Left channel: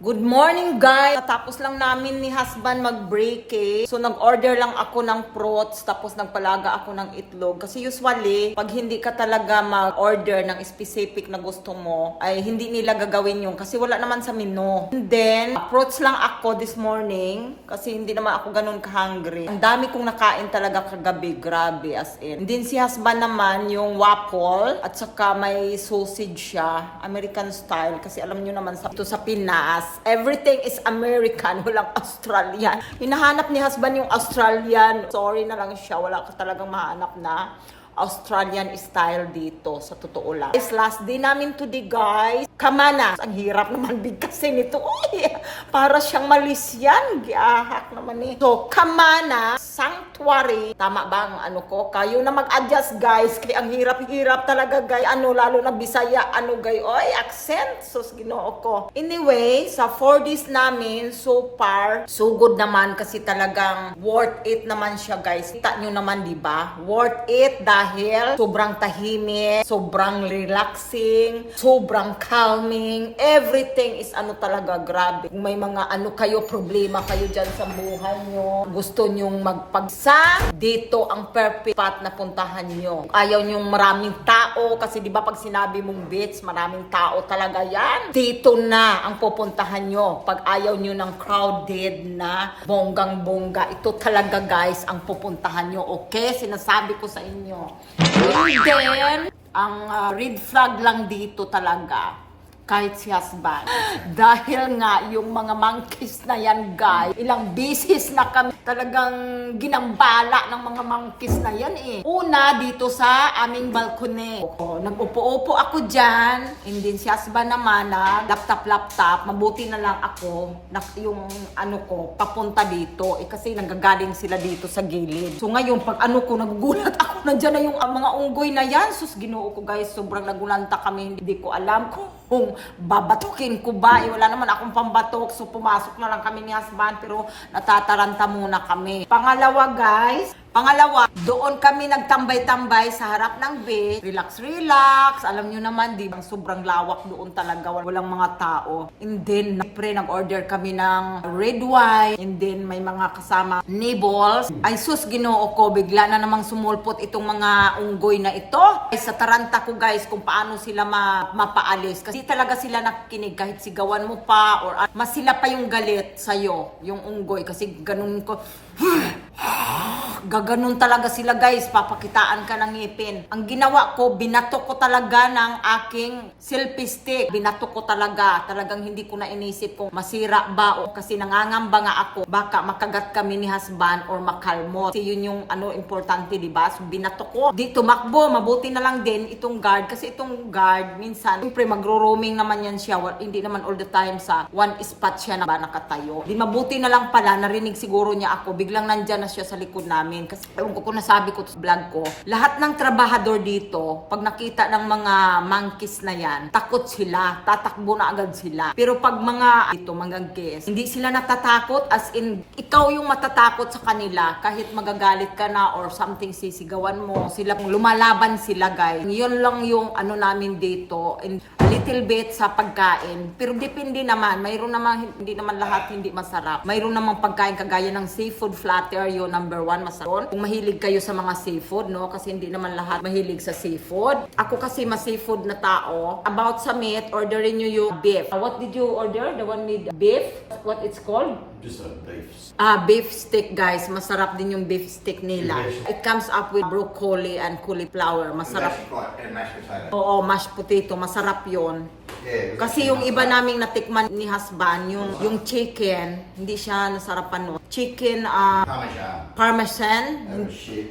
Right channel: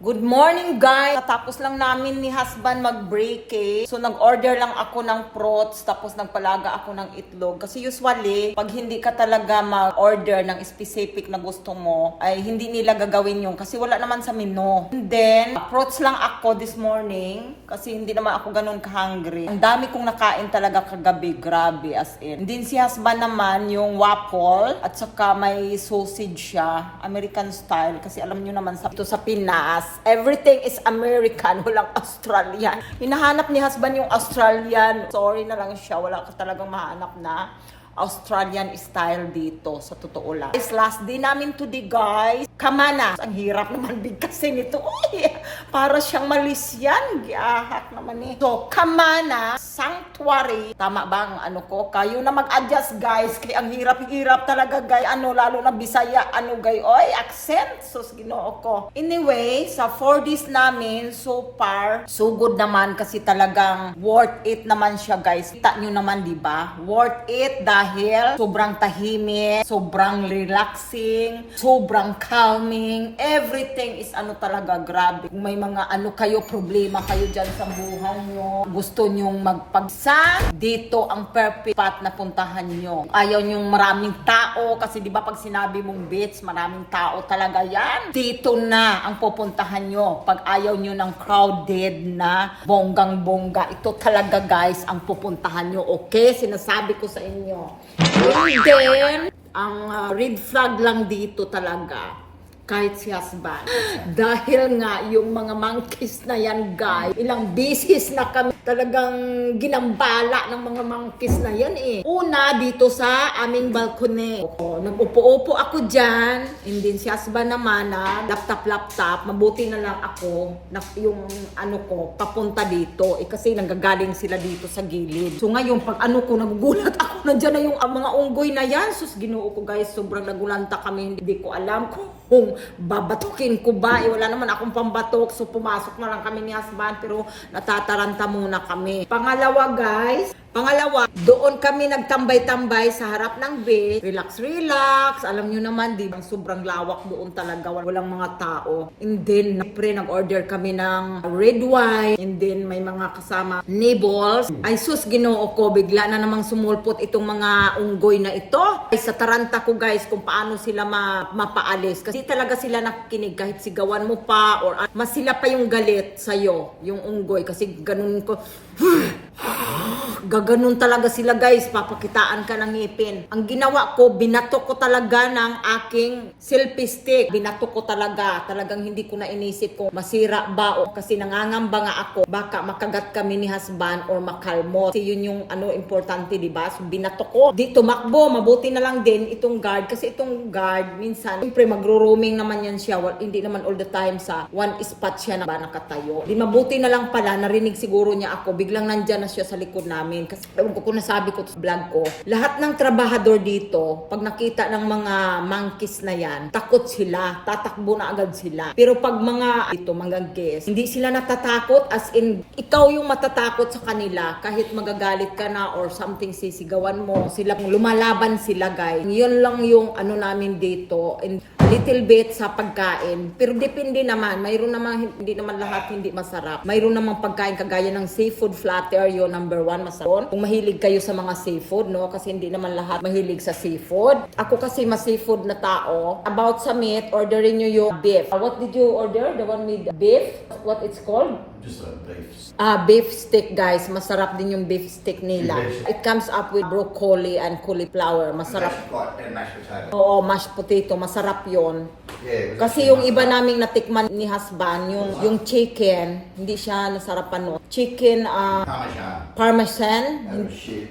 Good morning guys! Tapos lang namin ni husband mag-break So nag-order lang ako ng fruits tapos nagpalaga ako ng itlog. Kasi usually, pag hindi ka talaga mag-order ng specific na gusto mo, ay hindi nila gagawin yun kasi wala naman sa menu. And then, fruits lang ako this morning kasi hindi naman ako ganun ka-hungry. Ang dami kong nakain talaga kagabi, grabe as in. And then si husband naman yung waffle at saka may sausage siya, American style kasi alam nyo naman sa Pinas, everything is American, walang Australian. Hinahanap ni husband yung Australian. Sorry na lang siya, wala ka talagang mahanap na Australian style dito, sa totoo lang. This last day namin today, guys. Kamana. Ang hirap naman bigkasin nito. Uy, para siyang Malaysian. Giahak naman eh. So, Kamana Sanctuary. Tama ba ang ano ko? Kayo na mag-adjust, guys. Kaya ang hirap-hirap talaga, guys. Lalo na Bisaya. Guys? Oy, accent. Sus, ginoo ko. Anyway, sa 4 days namin, so far, so good naman kasi talagang worth it naman siya, guys. Kita nyo naman, di ba? Worth it dahil sobrang tahimik, sobrang relaxing, sobrang calming. Everything is talaga grabe. Kung may mga kayo, problema kayo dyan sa buhay nyo, gusto nyong magpagsa, dito ang perfect spot na puntahan nyo. Ayaw nyong maraming tao, kasi di ba pag sinabi mong beach, maraming tao talaga yan. Dito na ang pupuntahan nyo. Pag ayaw nyo ng crowded na bonggang-bongga, ito talaga guys ang pupuntahan nyo. Okay? Sinasabi ko sa inyo. And then, ang red flag lang dito talaga, kahit si husband. Dahil nga, yung mga monkeys na yan, guys, ilang beses na kami talagang ginambala ng mga monkeys na yan eh. Una, dito sa aming balkone. Nag-upo-upo ako dyan, and then si husband naman na laptop, mabuti na lang ako, yung ko, papunta dito. Kasi nanggagaling sila dito sa gilid. So ngayon, pag ko, nagugulat ako, nandyan na yung mga unggoy na yan. Sus, ginoo ko guys, sobrang nagulanta kami, hindi ko alam kung babatukin ko ba. Wala naman akong pambatok. So pumasok na lang kami ni husband pero natataranta muna kami. Pangalawa guys, doon kami nagtambay-tambay sa harap ng beach. Relax. Alam nyo naman, di bang sobrang lawak doon talaga. Walang mga tao. And then, nag-order kami ng red wine. And then, may mga kasama nibbles. Ay sus, ginoo ko. Bigla na namang sumulpot itong mga unggoy na ito. Ay, sa taranta ko guys, kung paano sila mapaalis. Kasi talaga sila nakikinig kahit sigawan mo pa. Or mas sila pa yung galit sa'yo, yung unggoy. Kasi ganun ko. Gaganon talaga sila guys, papakitaan ka ng ngipin. Ang ginawa ko, binato ko talaga ng aking selfie stick. Binato ko talagang hindi ko na inisip kung masira ba o kasi nangangamba nga ako, baka makagat kami ni husband or makalmot. Kasi yun yung importante, diba? So binato ko. Di tumakbo, mabuti na lang din itong guard. Kasi itong guard, minsan, siyempre magro-roaming naman yan siya. Hindi naman all the time sa one spot siya na ba nakatayo. Di mabuti na lang pala, narinig siguro niya ako. Biglang nandyan na siya sa likod namin. Kasi kung nasabi ko sa vlog ko, lahat ng trabahador dito, pag nakita ng mga monkeys na yan, takot sila, tatakbo na agad sila. Pero pag mga guest, hindi sila natatakot, as in, ikaw yung matatakot sa kanila, kahit magagalit ka na or something sisigawan mo, sila lumalaban sila guys. Yun lang yung namin dito, and a little bit sa pagkain, pero depende naman, mayroon naman, hindi naman lahat hindi masarap. Mayroon naman pagkain kagaya ng seafood flatter, yun number 1 masarap. Kung mahilig kayo sa mga seafood, no? Kasi hindi naman lahat mahilig sa seafood. Ako kasi ma-seafood na tao. About sa meat, orderin nyo yung beef. What did you order? The one with beef? What it's called? Just a beef. Beef steak guys. Masarap din yung beef steak nila. It comes up with broccoli and cauliflower. Masarap. And mashed potato. Oo, mashed potato. Masarap yon. Yeah, Kasi yung iba naming natikman ni husband, yung chicken, hindi siya nasarapan no. Chicken, Parmesan.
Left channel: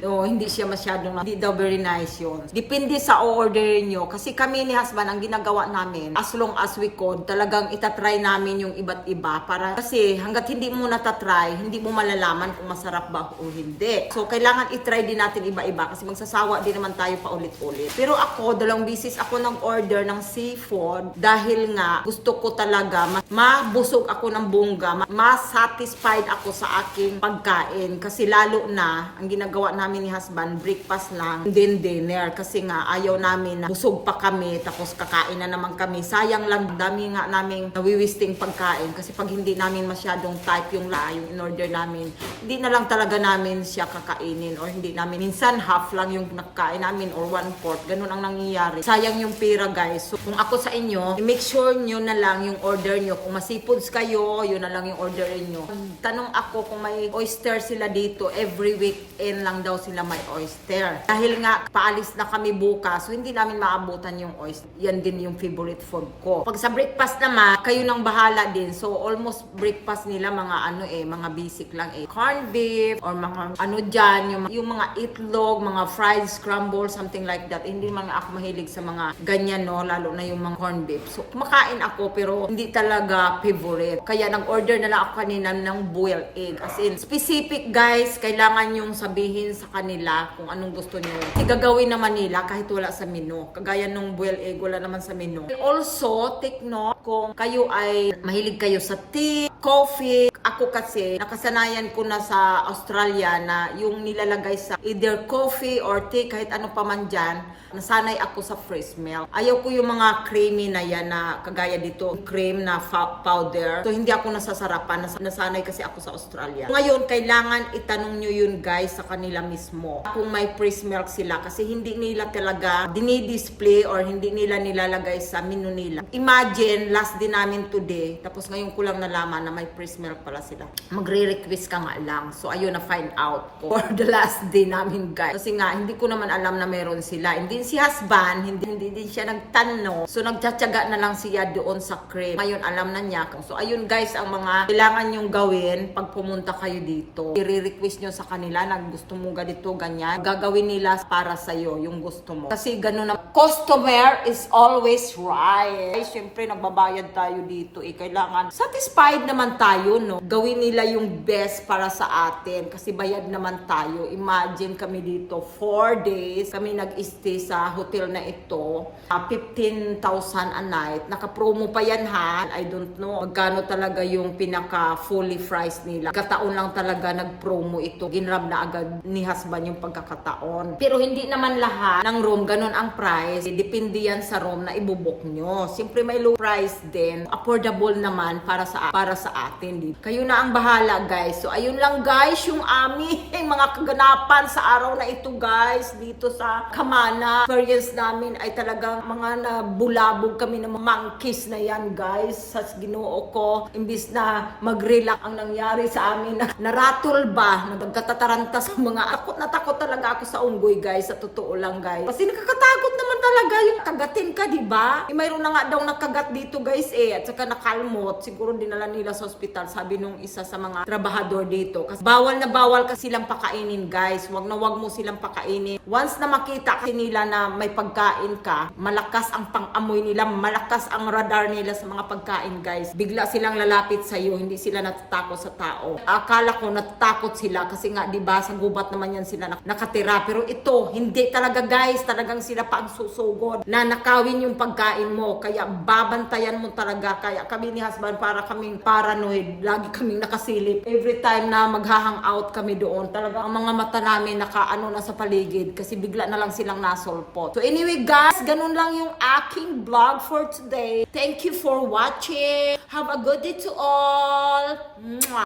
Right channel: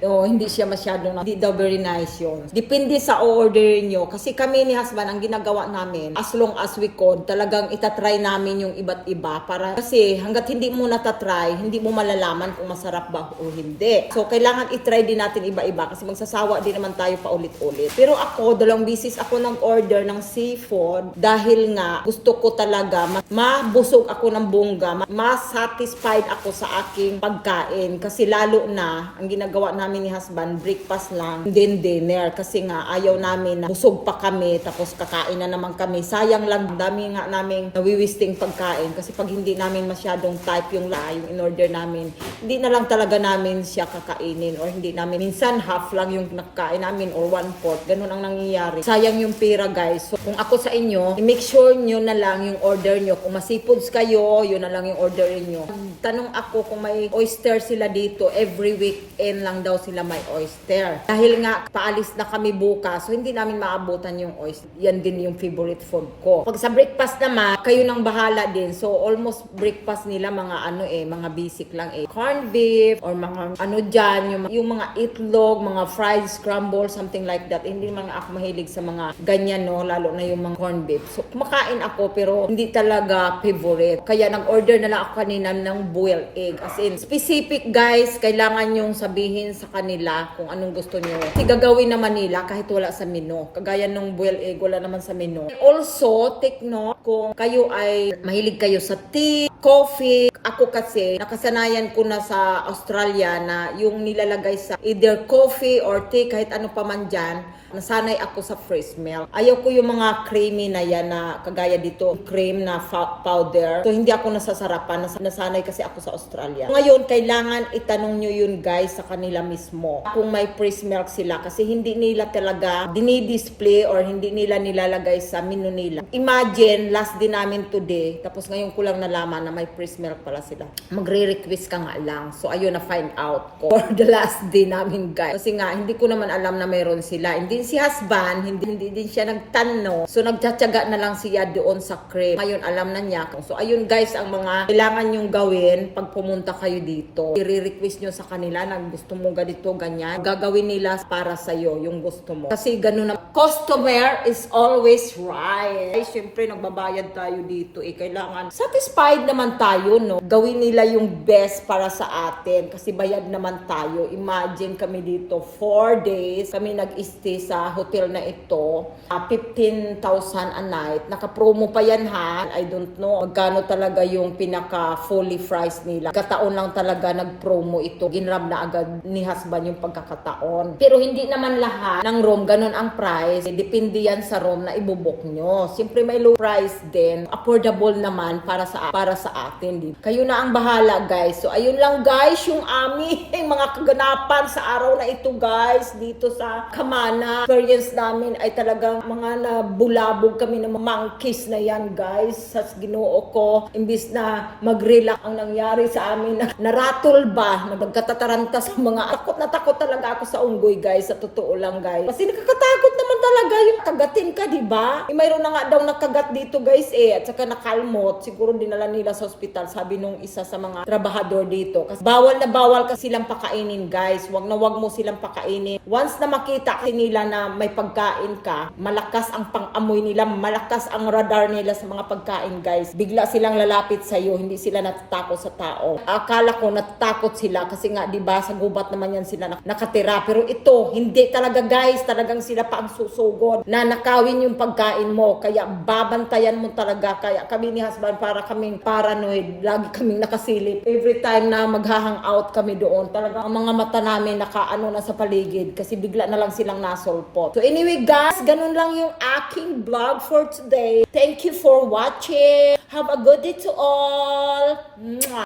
Hindi siya masyadong, hindi daw very nice yun. Depende sa order nyo. Kasi kami ni husband, ang ginagawa namin, as long as we could, talagang itatry namin yung iba't iba. Kasi hanggat hindi mo natatry, hindi mo malalaman kung masarap ba o hindi. So, kailangan itry din natin iba-iba kasi magsasawa din naman tayo pa ulit-ulit. Pero ako, 2 beses ako nang order ng seafood seafood dahil nga gusto ko talaga mabusog ako ng bongga, ma-satisfied ako sa aking pagkain. Kasi lalo na, ang ginagawa namin ni husband, breakfast lang, then dinner. Kasi nga, ayaw namin na busog pa kami, tapos kakain na naman kami. Sayang lang, dami nga namin nawiwisting pagkain. Kasi pag hindi namin masyadong type yung in-order namin, hindi na lang talaga namin siya kakainin. Or hindi namin, minsan half lang yung nakakain namin or 1/4. Ganun ang nangyayari. Sayang yung pera, guys. So, kung ako sa inyo, i-make sure nyo na lang yung order nyo. Kung masipods kayo, yun na lang yung order nyo. Tanong ako kung may oyster sila dito, every weekend lang daw sila may oyster. Dahil nga, paalis na kami bukas, so hindi namin maabutan yung oyster. Yan din yung favorite food ko. Pag sa breakfast naman, kayo nang bahala din. So, almost breakfast nila mga mga basic lang corned beef, or mga dyan, yung mga itlog, mga fried scramble, something like that. Hindi man ako mahilig sa mga ganyan, no, lalo na yung mga corned beef. So, kumakain ako pero hindi talaga favorite. Kaya nag-order na lang ako kanina ng boiled egg. As in, specific guys, kailangan yung sabihin sa kanila kung anong gusto nyo. Kasi gagawin naman nila kahit wala sa menu. Kagaya nung boiled egg, wala naman sa menu. And also, take note, kung kayo ay mahilig kayo sa tea, coffee. Ako kasi, nakasanayan ko na sa Australia na yung nilalagay sa either coffee or tea, kahit ano pa man dyan, nasanay ako sa fresh milk. Ayaw ko yung mga creamy na yan na kagaya dito, cream na powder. So, hindi ako nasasarapan. Nasanay kasi ako sa Australia. Ngayon, kailangan itanong nyo yun guys sa kanila mismo. Kung may fresh milk sila kasi hindi nila talaga dinidisplay or hindi nila nilalagay sa menu nila. Imagine, last din namin today, tapos ngayon ko lang nalaman na may fresh milk pala sila. Magre-request ka nga lang. So, ayun na find out ko for the last day namin guys. Kasi nga, hindi ko naman alam na meron sila. Hindi si husband, hindi din siya nagtanong. So, nagtsatsaga na lang siya doon sa cream. Ngayon, alam na niya. So, ayun guys, ang mga kailangan nyong gawin pag pumunta kayo dito. I-request nyo sa kanila na gusto mo ganito, ganyan. Gagawin nila para sa'yo yung gusto mo. Kasi ganun na, customer is always right. Ay, syempre, nagbabayad tayo dito. Kailangan satisfied naman tayo, no? Gawin nila yung best para sa atin. Kasi bayad naman tayo. Imagine kami dito, 4 days. Kami nag-stay sa hotel na ito. 15,000 a night. Naka-promo pa yan ha. I don't know magkano talaga yung pinaka fully price nila. Kataon lang talaga nag-promo ito. Ginrab na agad ni husband yung pagkakataon. Pero hindi naman lahat ng room ganun ang price. Depende yan sa room na ibubok nyo. Siyempre may low price din. Affordable naman para sa atin. Kayo na ang bahala guys. So ayun lang guys yung aming mga kaganapan sa araw na ito guys. Dito sa Camana. Experience namin ay talagang mga nabulabog kami ng monkeys na yan guys. Sa Ginoo ko, imbis na mag-relax ang nangyari sa amin, naratol ba, nagkatataranta sa mga takot talaga ako sa unggoy guys, sa totoo lang guys. Kasi nakakatakot naman talaga yung kagatin ka, di ba? Mayroon na nga daw nakagat dito guys at saka nakalmot, siguro dinala nila sa ospital, sabi nung isa sa mga trabahador dito. Kasi bawal na bawal ka silang pakainin guys, wag mo silang pakainin. Once na makita kasi nila na may pagkain ka, malakas ang pang-amoy nila, malakas ang radar nila sa mga pagkain guys. Bigla silang lalapit sa iyo, hindi sila natatakot sa tao. Akala ko natatakot sila kasi nga 'di ba sa gubat naman yan sila nakatira. Pero ito, hindi talaga guys, talagang sila pa ang susugod na nakawin yung pagkain mo. Kaya babantayan mo talaga. Kaya kami ni husband para kaming paranoid, lagi kaming nakasilip. Every time na maghahang out kami doon, talagang ang mga mata namin nakaano na sa paligid kasi bigla na lang silang nasolpot. So anyway guys, ganun lang yung aking vlog for today. Thank you for watching. Have a good day to all. Mwah.